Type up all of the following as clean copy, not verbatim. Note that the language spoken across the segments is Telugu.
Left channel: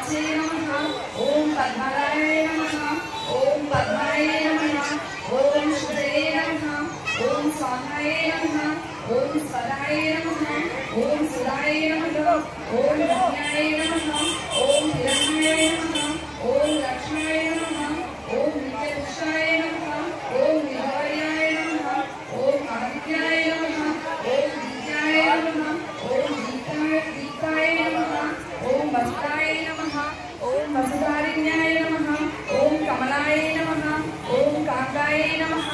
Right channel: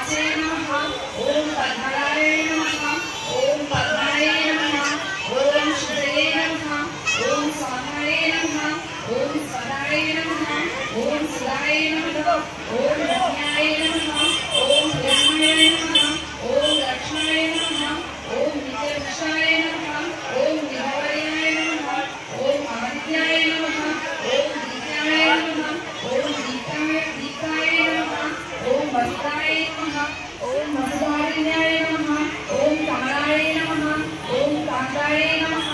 वाचे नमः ओम पद्मनाभे नमः ओम पद्मने नमः ओम शुभे नमः ओम स्वाहाय नमः ओम स्वदाय नमः ओम सुदाय नमः ओम रत्नाय नमः ओम हिरण्याय नमः ओम लक्ष्माय नमः ओम नित्यवृक्षाय नमः ओम निरवयाय नमः ओम आदित्याय नमः ओम दीप्ताय नमः ओम दीप्ताय नमः ओम वसुदाय नमः ओम वसुधारिण्याय नमः ओम कमलाय नमः ओम कांताय नमः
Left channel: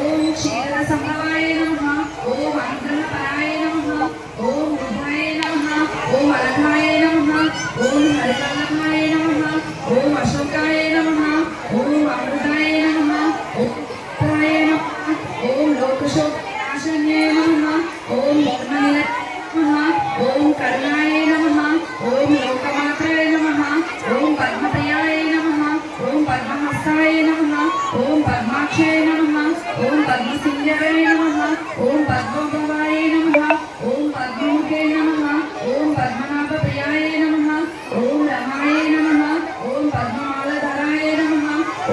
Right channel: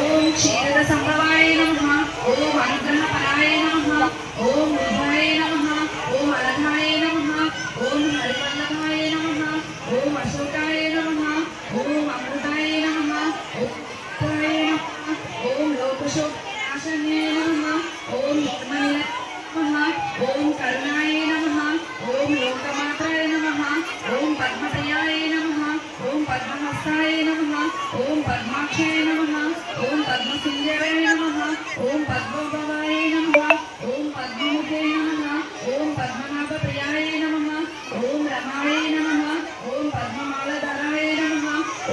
ओम क्षीरसमवाय नमः ओम अंगनपराय नमः ओम बुधाय नमः ओम अलघाय नमः ओम हरकल्लभाय नमः ओम अशोकाय नमः ओम अमृताय नमः ओम ताय नमः ओम लोकशोकनाशन्ये नमः ओम लोकमाय नमः ओम करुणाय नमः ओम लोकमात्राय नमः ओम पद्मप्रियाय नमः ओम पद्महस्ताय नमः ओम पद्माक्षाय नमः ओम पद्मसुंदराय नमः ओम पद्मभवाय नमः ओम पद्ममुखे नमः ओम पद्मनाभप्रियाय नमः ओम रमाय नमः ओम पद्ममालाधराय नमः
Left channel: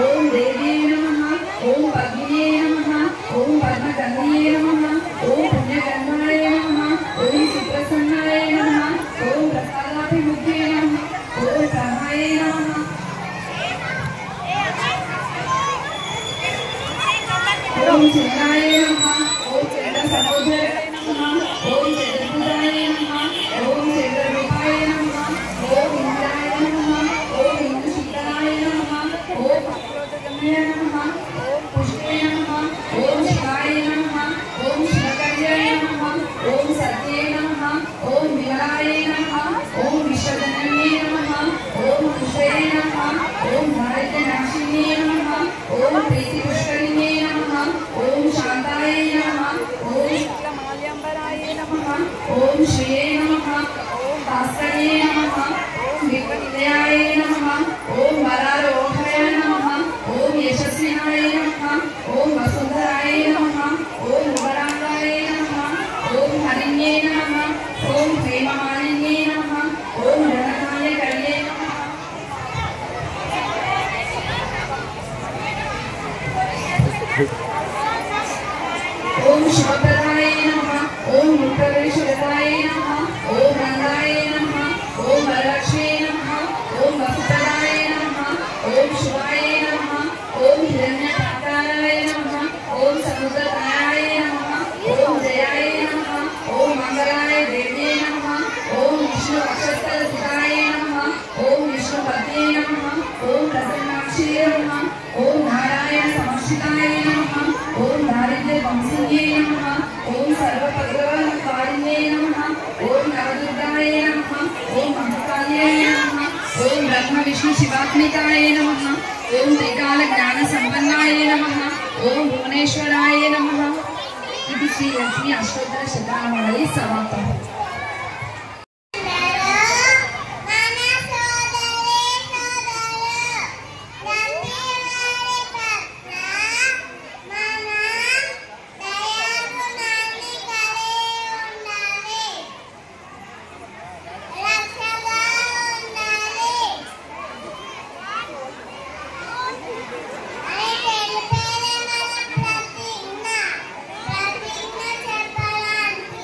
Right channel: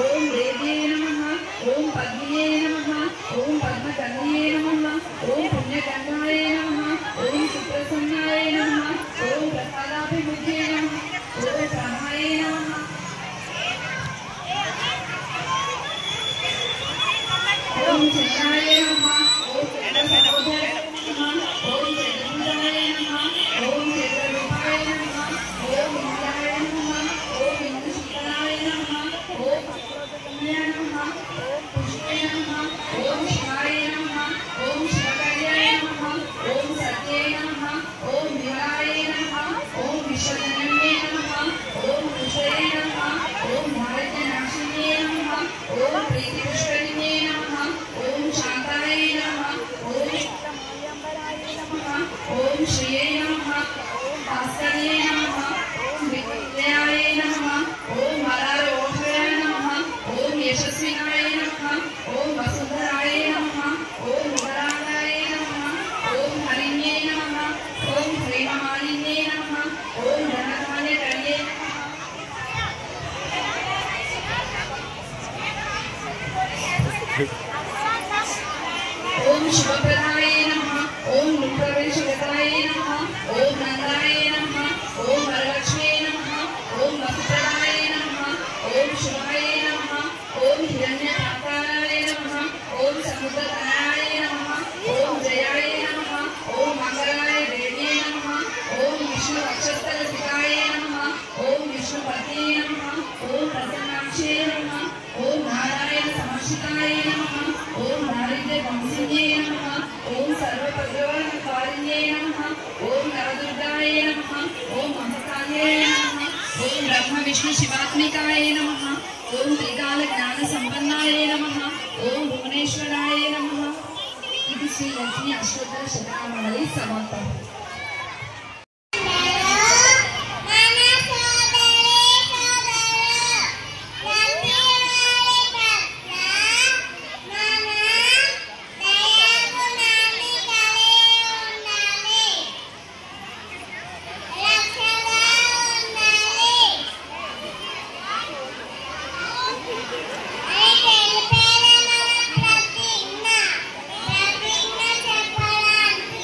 ओम देव्ये नमः ओम पद्मिने नमः ओम पद्मगन्धये नमः ओम पुण्यगन्धाय नमः ओम सुप्रसन्नाय नमः ओम प्रसादाभिमुखे नमः ओम प्राणाय नमः ओम चिन्ताय नमः ओम चन्द्रसहोदराय नमः ओम चतुर्भुजाय नमः ओम चतुर्मुखाय नमः ओम इंद्राय नमः ओम इंद्रशूलाय नमः ओम अक्रोधगमय नमः ओम पुष्पे नमः ओम शिवाय नमः ओम शिवकर्याय नमः ओम सत्ये नमः ओम विमलाय नमः ओम विश्वजनन्ये नमः ओम कुशये नमः ओम भारतनाशिन्ये नमः ओम प्रीतिपुष्करिणे नमः ओम शांताय नमः ओम शुक्लमाल्यांबराय नमः ओम श्रिये नमः ओम भास्करे नमः ओम विक्रमनिलयाय नमः ओम वरारोहाय नमः ओम यशस्विनाय नमः ओम वसुंधराय नमः ओम मुबराय नमः ओम हरिण्ये नमः ओम प्रेममालिन्ये नमः ओम धनकार्यकर्ये नमः ओम शिवप्रदाय नमः ओम मुक्तवेशगताय नमः ओम नंदाय नमः ओम वरलक्ष्म्ये नमः ओम वसुप्रदाय नमः ओम शिवाय नमः ओम हिरण्यकांताय नमः ओम समुद्रतनयाय नमः ओम जयाय नमः ओम मंगलाय देव्ये नमः ओम विष्णु अक्षरस्थलसुताय नमः ओम विष्णुपत्न्ये नमः ओम प्रसन्नाक्षे नमः ओम नारायण समर्शिताय नमः ओम दारिद्र्यवंशिन्ये नमः ओम सर्वपद्मकारिण्ये नमः ओम नवदुर्गाय नमः ओम महाकाल्यै नमः ओम ब्रह्म विष्णु शिवात्मिकाय नमः ओम त्रिकाल ज्ञान संपन्नाय नमः ओम भुवनेश्वराय नमः। इति श्री लक्ष्मी अष्टोत्तर शतनामावली समाप्तम्। ప్రతిజ్ఞ చెప్పడానికి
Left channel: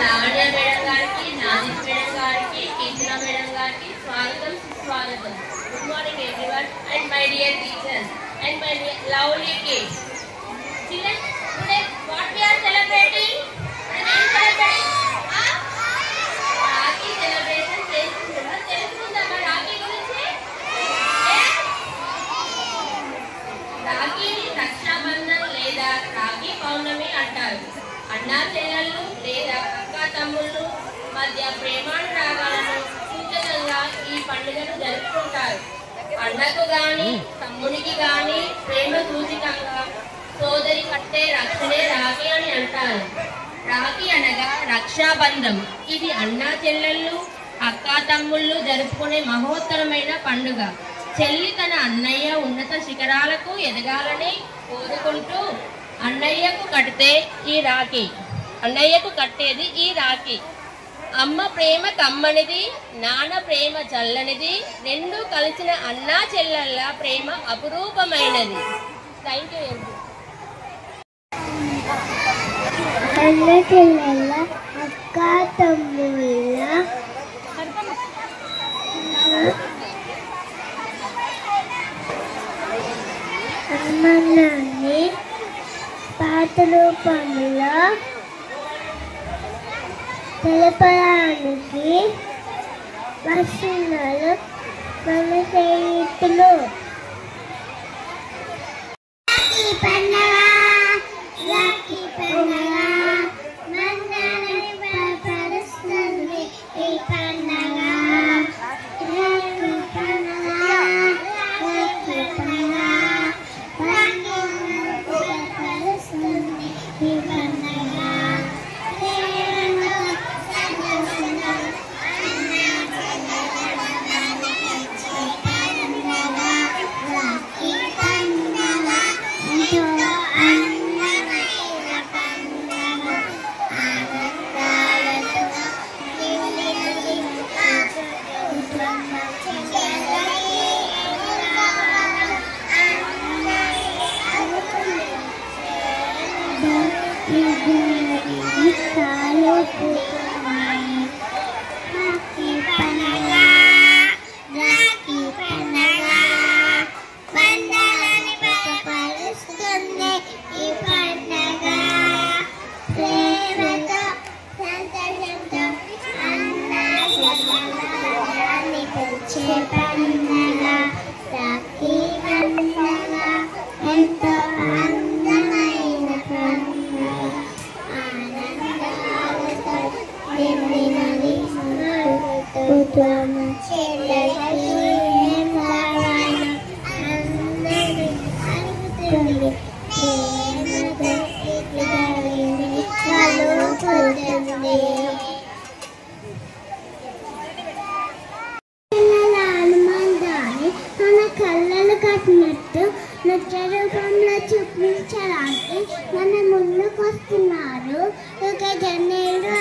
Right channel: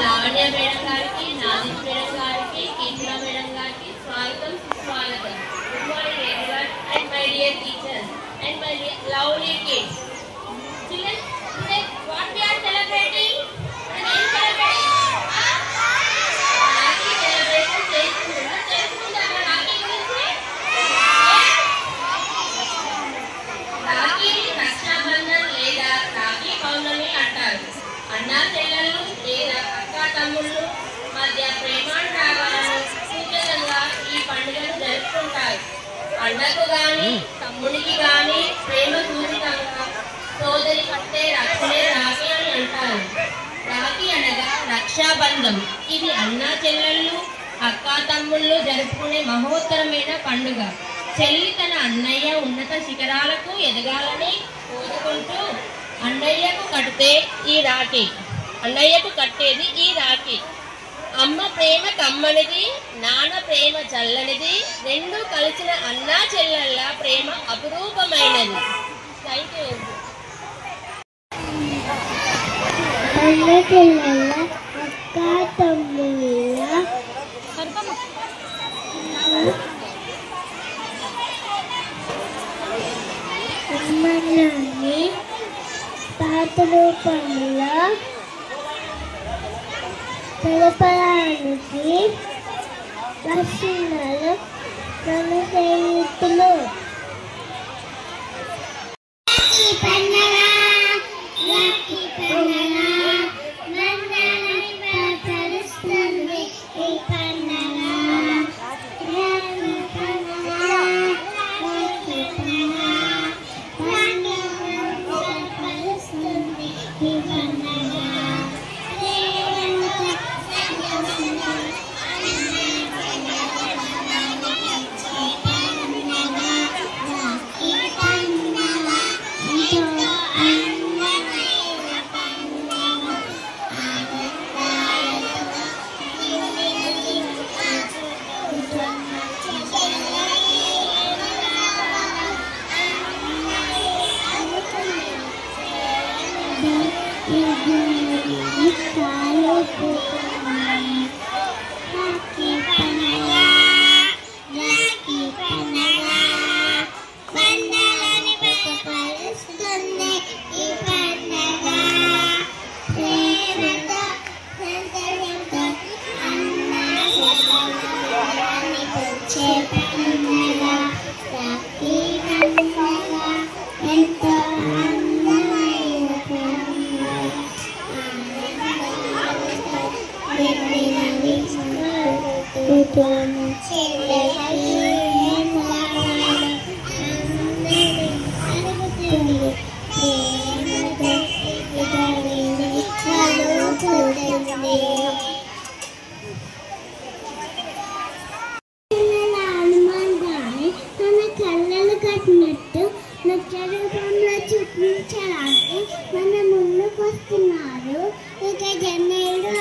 లావణ్య మేడం గారికి, నాజిష్ మేడం గారికి, కీర్తన మేడం గారికి స్వాగతం, సుస్వాగతం. Good morning everyone and my dear teachers and my dear lovely kids. Children, today what we are celebrating? Rakhi celebration చేస్తున్నాం. తెలుసుకుందామా రాఖీ గురించి? రాఖీ రక్షాబంధన్ లేదా రాఖీ పౌర్ణమి అంటారు. అన్నా చెల్లెళ్ళు లేదా అక్క తమ్ముళ్ళు మధ్య ప్రేమానురాగాలను సూచకంగా ఈ పండుగను జరుపుకుంటారు. అన్నకు గాని తమ్మునికి గాని ప్రేమ సూచకంగా సోదరి కట్టే రక్షణే రాఖీ అని అంటారు. రాఖీ అనగా రక్షాబంధం. ఇది అన్నా చెల్లెళ్ళు అక్క తమ్ముళ్ళు జరుపుకునే మహోత్తరమైన పండుగ. చెల్లి తన అన్నయ్య ఉన్నత శిఖరాలకు ఎదగాలని కోరుకుంటూ అన్నయ్యకు కట్టేది ఈ రాఖీ. అమ్మ ప్రేమ కమ్మనిది, నాన్న ప్రేమ చల్లనిది, రెండు కలిసిన అన్నా చెల్లెళ్ళ ప్రేమ అపురూపమైనది. Thank you. అన్న చెల్లెళ్ళ అక్క తమ్ముళ్ళ అమ్మని పాత రూపంలో తెలపడానికి వస్తున్నారు మన స్నేహితులు. రూపంలో చూపించడానికి మన ముందుకు వస్తున్నారు. ఒక జన్నేడు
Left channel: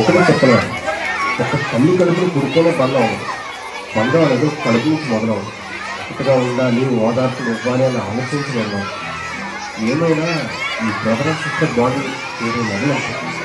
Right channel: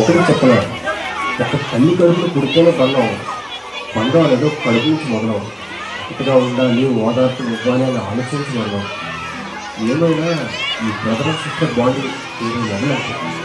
ఒకటి చెప్పలేదు, ఒక తల్లి కడుపులు పుడుకోనే బంధం అవ్వదు. బంధం అనేది కడుపు నుంచి మొదలవు. ఒకటిగా ఉండాలి, ఓదార్పు ఇవ్వాలి అని ఆలోచించగలం. ఏమైనా ఈ బ్రదర్ అండ్ సిస్టర్ బాండ్ ఏదో మొదలవుతుంది.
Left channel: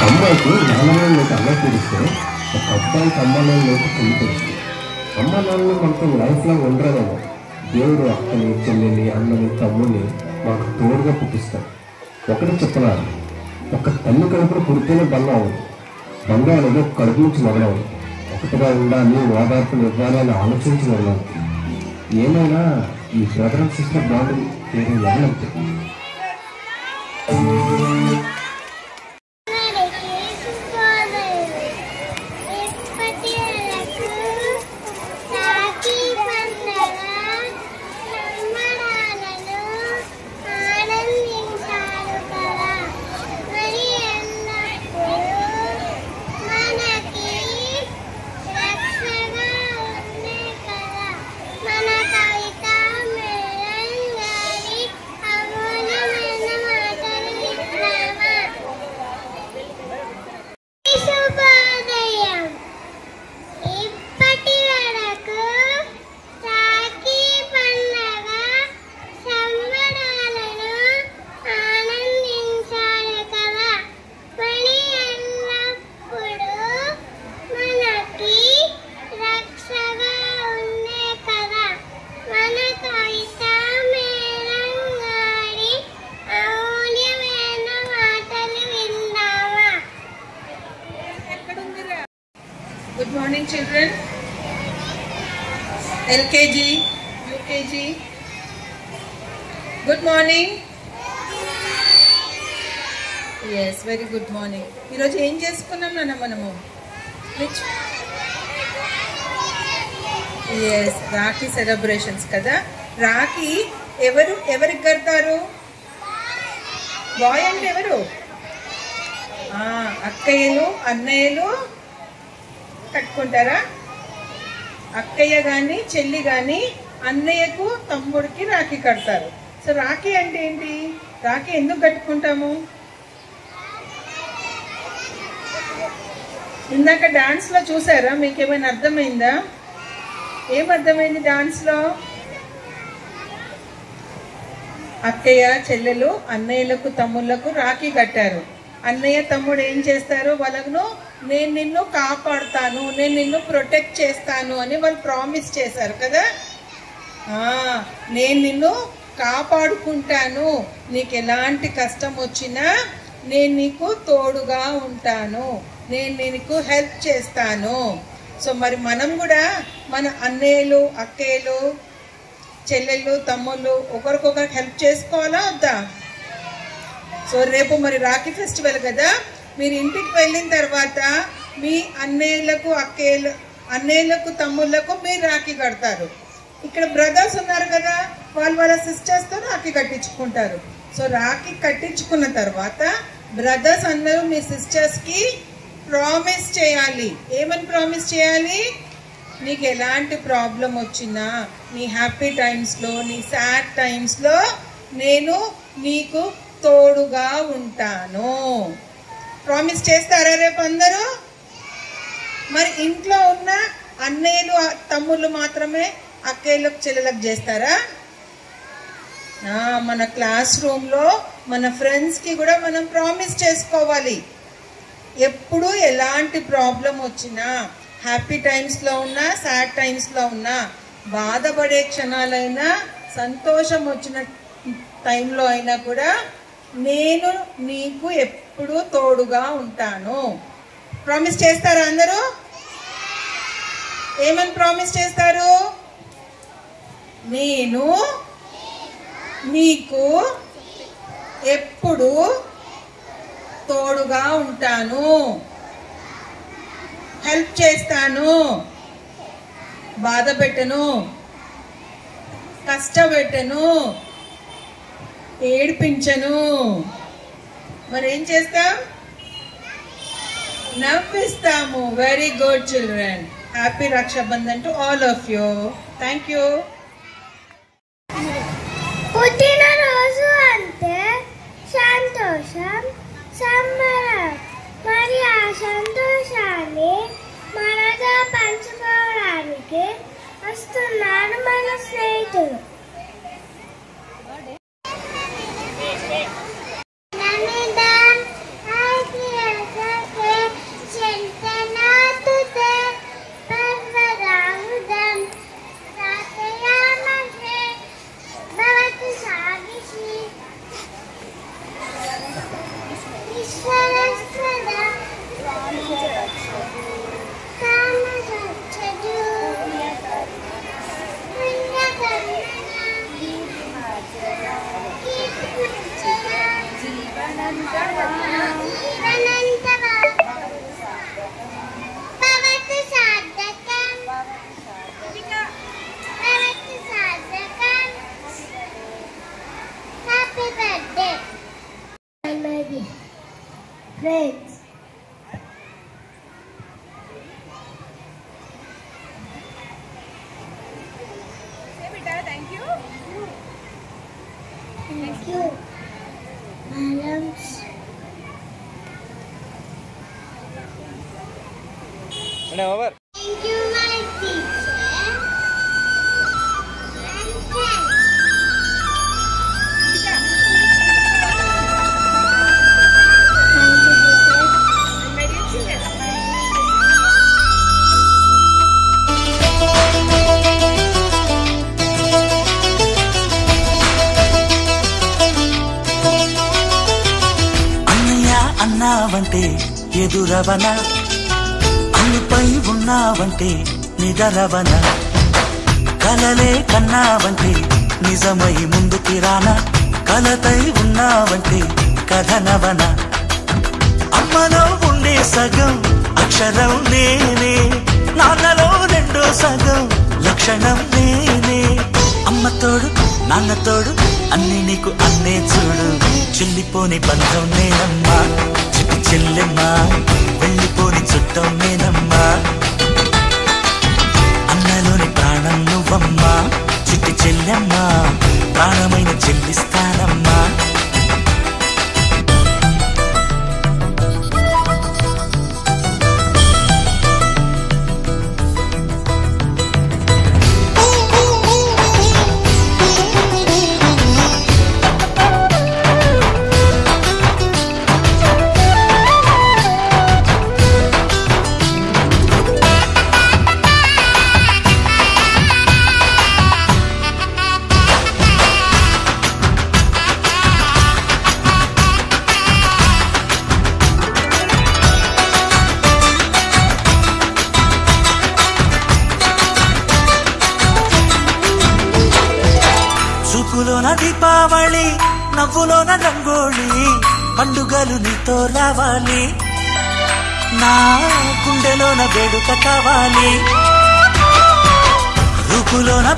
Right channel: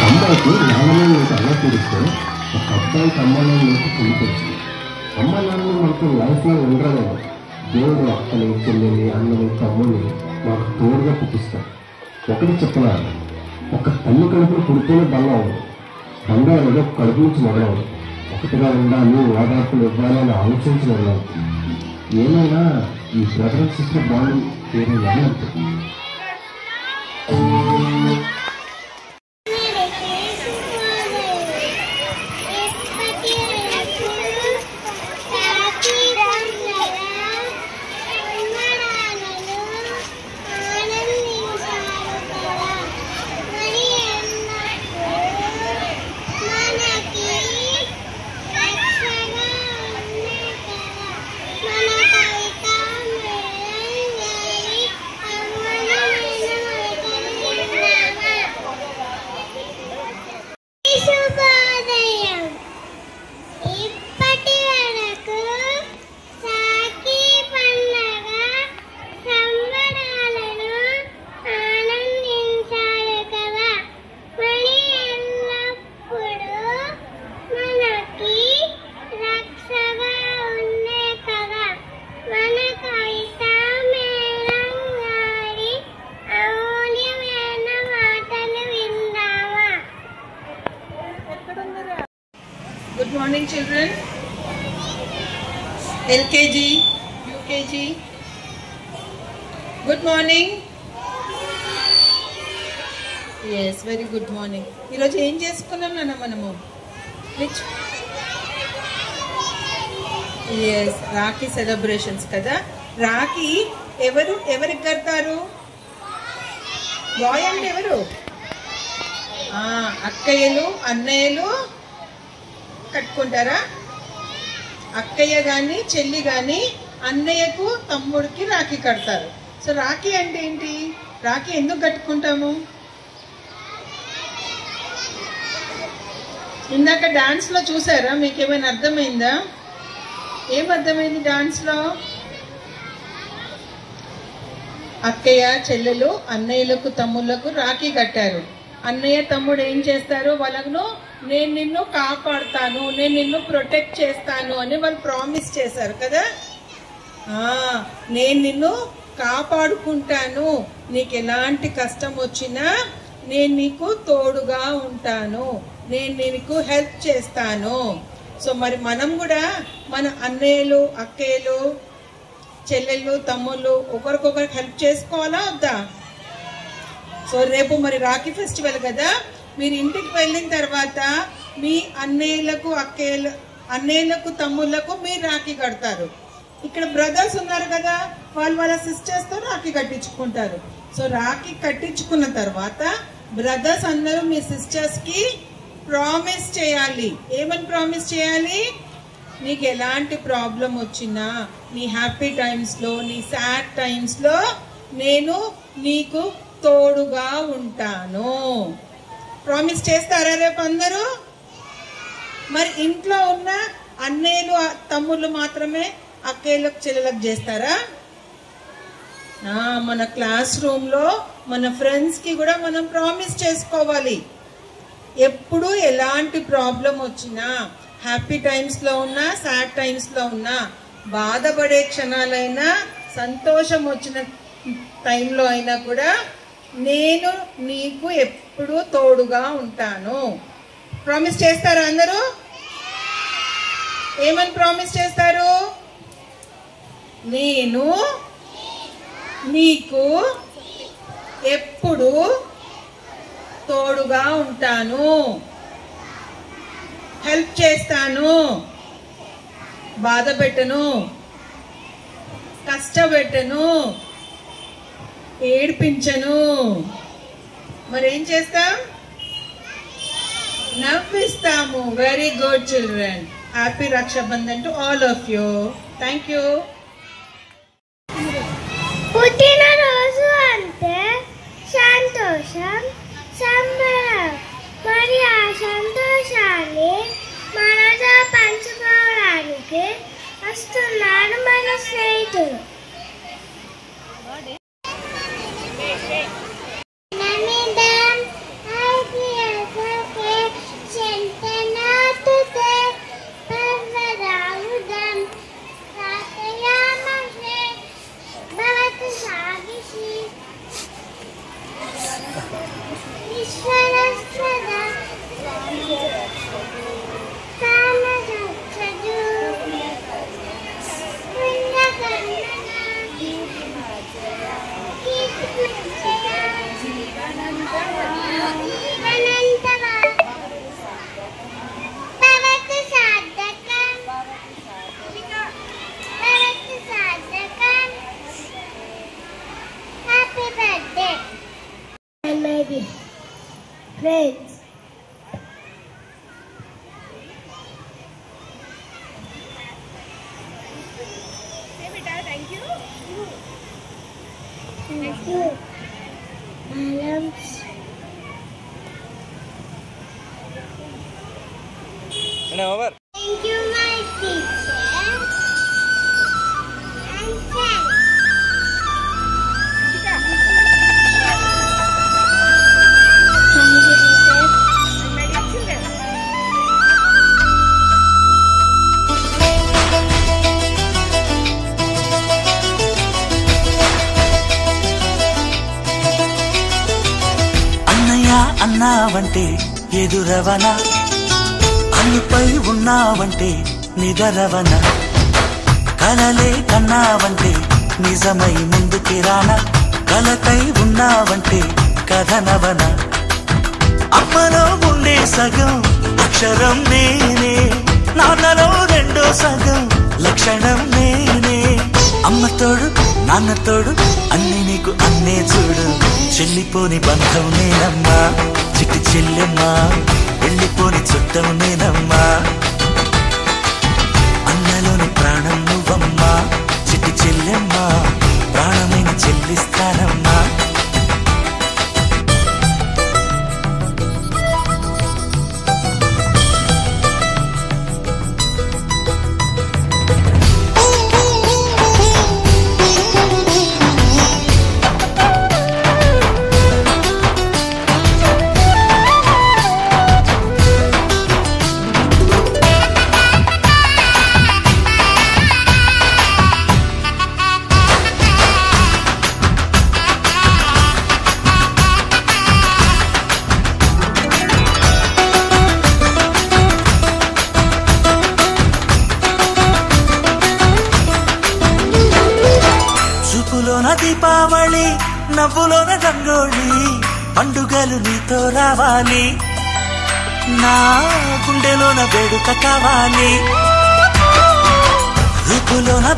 ఒక అమ్మాయికి నాన్నలో లోటు అన్నం తీరిస్తే ఒక అబ్బాయికి అమ్మలో లోటు పెళ్లి తెలుస్తుంది. అమ్మ నాన్నలు మనకు లైఫ్ లాంగ్ ఉండరేమో. దేవుడు అక్కని, చెల్లెల్ని, అన్నని, తమ్ముడిని మాకు తోడుగా పుట్టిస్తాం. ఒకటి చెప్పనా, ఒక తల్లి కడుపును పుడితేనే బంధం. బంధం అనేది కడుపు నుంచి మొదలవు. ఒకటిగా ఉండాలి, ఓదార్పులు ఇవ్వాలని ఆలోచించి మొదలవు. ఏమైనా ఈ బ్రదర్ అండ్ సిస్టర్ బాండ్ పేరు ఎవరంటే Good morning, children. LKG, UKG. Good morning. Yes, very good morning. ఈరోజు ఏం చేసుకున్నాం నాన్న మనము? Yes, రాఖీ సెలబ్రేషన్స్ కదా. రాఖీ ఎవరికి కడతారు? బాయ్ అంటే ఎవరు? అక్కయ్యలు, అన్నయ్యలు కట్టుకుంటారా? అక్కయ్య గాని చెల్లి గాని అన్నయ్యకు తమ్ముడికి రాఖీ కడతారు. సో రాఖీ అంటే ఏంటి? రాఖీ ఎందుకు కట్టుకుంటాము? ఇందాక డాన్స్ లో చూసారా? మీకు ఏమైనా అర్థమైందా? ఏం అర్థమైంది డాన్స్ లో? అక్కయ్య చెల్లెలు అన్నయ్యలకు తమ్ముళ్లకు రాఖీ కట్టారు. అన్నయ్య తమ్ముడు ఏం చేస్తారు? వాళ్ళను నేను నిన్ను కాపాడుతాను, నేను నిన్ను ప్రొటెక్ట్ చేస్తాను అని వాళ్ళు ప్రామిస్ చేశారు కదా. నేను నిన్ను కాపాడుకుంటాను, నీకు ఎలాంటి కష్టం వచ్చినా నేను నీకు తోడుగా ఉంటాను, నేను నీకు హెల్ప్ చేస్తాను. సో మరి మనం కూడా మన అన్నయ్యలు, అక్కయ్యలు, చెల్లెళ్ళు, తమ్ముళ్ళు ఒకరికొకరికి హెల్ప్ చేసుకోవాలా వద్దా? సో రేపు మరి రాఖీ ఫెస్టివల్ కదా. మీరు ఇంటికి వెళ్ళిన తర్వాత మీ అన్నయ్యలకు తమ్ముళ్లకు మీరు రాఖీ కడతారు. ఇక్కడ బ్రదర్స్ ఉన్నారు కదా, వాళ్ళ సిస్టర్స్ తో రాఖీ కట్టించుకుంటారు. సో రాఖీ కట్టించుకున్న తర్వాత బ్రదర్స్ అందరూ మీ సిస్టర్స్ కి ప్రామిస్ చేయాలి. ఏమని ప్రామిస్ చేయాలి? నీకు ఎలాంటి ప్రాబ్లం వచ్చినా, నీ హ్యాపీ టైమ్స్ లో, నీ సాడ్ టైమ్స్ లో నేను నీకు తోడుగా ఉంటాను. ప్రామిస్ చేస్తారా రేపు అందరూ? మరి ఇంట్లో ఉన్న అన్నయ్యలు తమ్ముళ్ళు మాత్రమే అక్కయ్యలకు చెల్లెలకు చేస్తారా? మన క్లాస్ రూమ్ లో మన ఫ్రెండ్స్ కి కూడా మనం ప్రామిస్ చేసుకోవాలి. ఎప్పుడు ఎలాంటి ప్రాబ్లం వచ్చినా, హ్యాపీ టైమ్స్ లో ఉన్నా, సాడ్ టైమ్స్ లో ఉన్నా, బాధపడే క్షణాలైనా, సంతోషం వచ్చిన టైంలో అయినా కూడా నేను నీకు ఎప్పుడు తోడుగా ఉంటాను. ప్రామిస్ చేస్తారా అందరూ? ఏమని ప్రామిస్ చేస్తారు? నేను నీకు ఎప్పుడు తోడుగా ఉంటాను, హెల్ప్ చేస్తాను, బాధ పెట్టను, కష్టపెట్టను, ఏడిపించను. మరేం చేస్తాం? నవ్విస్తాము. Very good children. Happy Rakshabandhan to all of you. Thank you. పుట్టినరోజు అంటే సంతోషం, సంబరం. మరి ఆ సంతోషాన్ని మనతో పంచుకోవడానికి వస్తున్నారు మన స్నేహితులు. Namita, hi Priyanka. friends. Thank you. Madams. Over. Thank you, my teacher and friends. అన్నావంటే ఎదురవన అన్నిపై ఉన్నావంటే నిదరవన కలలే కన్నావంటే నిజమై ముందుకి రానా కలతై ఉన్నావంటే కథనవన అమ్మలో ఉండే సగం అక్షరం నేనే నాన్నలో రెండో సగం లక్షణం నేనే అమ్మతోడు నాన్నతోడు అన్ని నీకు అన్నే చూడు చెల్లిపోని బంధం నేనమ్మా చిట్టి చెల్లెమ్మా వెళ్ళిపోని చుట్టం నేనమ్మా అన్నలోని ప్రాణం నువ్వమ్మా చిట్టి చెల్లెమ్మా ప్రాణమైన చెల్లిస్తానమ్మా దీపావళి నవ్వులోన రంగోళి పండుగలు నీతో రావాలి నా గుండెలోన వేడుక కావాలి రూపులోన